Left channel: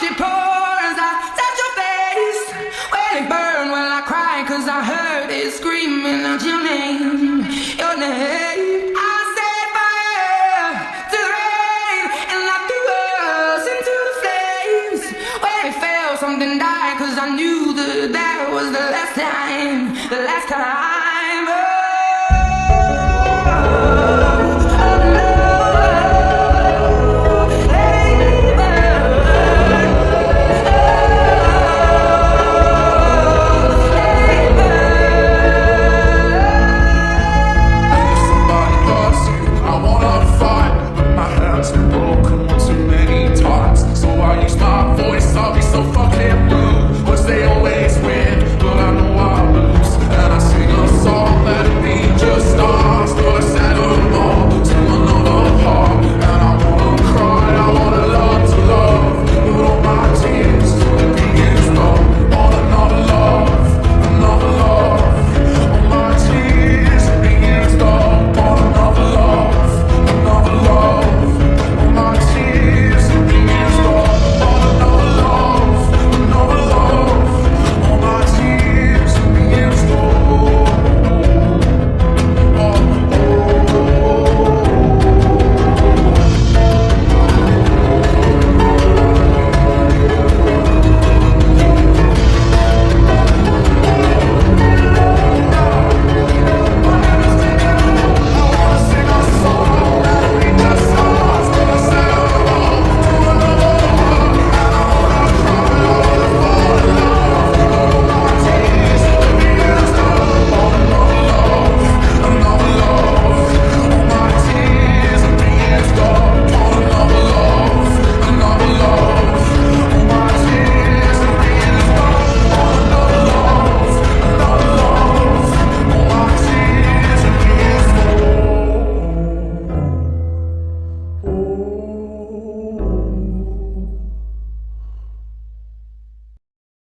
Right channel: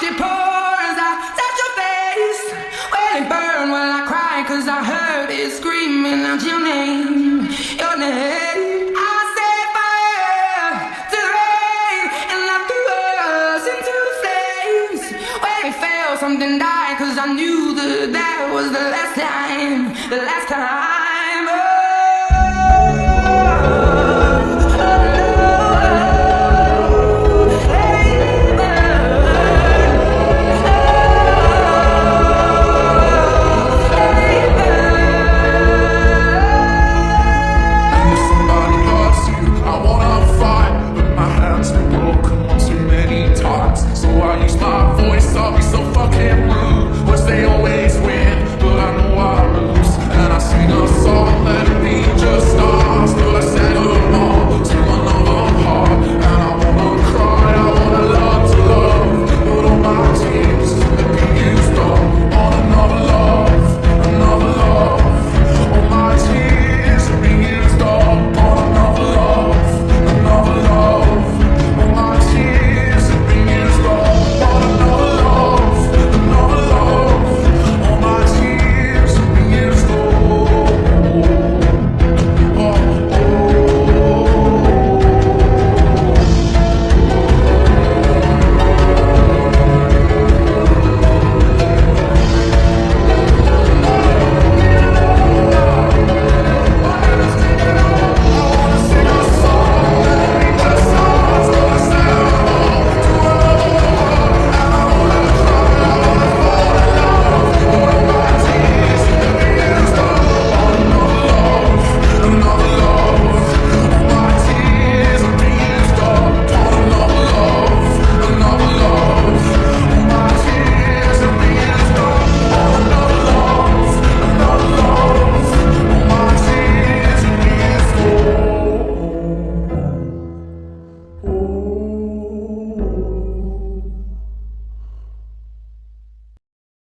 She pours, I touch your face. Well, it burned, well, I cried, cause I heard it screaming out your name, your name. I set fire to the rain, and I threw us into the flames. When it fell, something died, cause I knew that was the last time, the last time.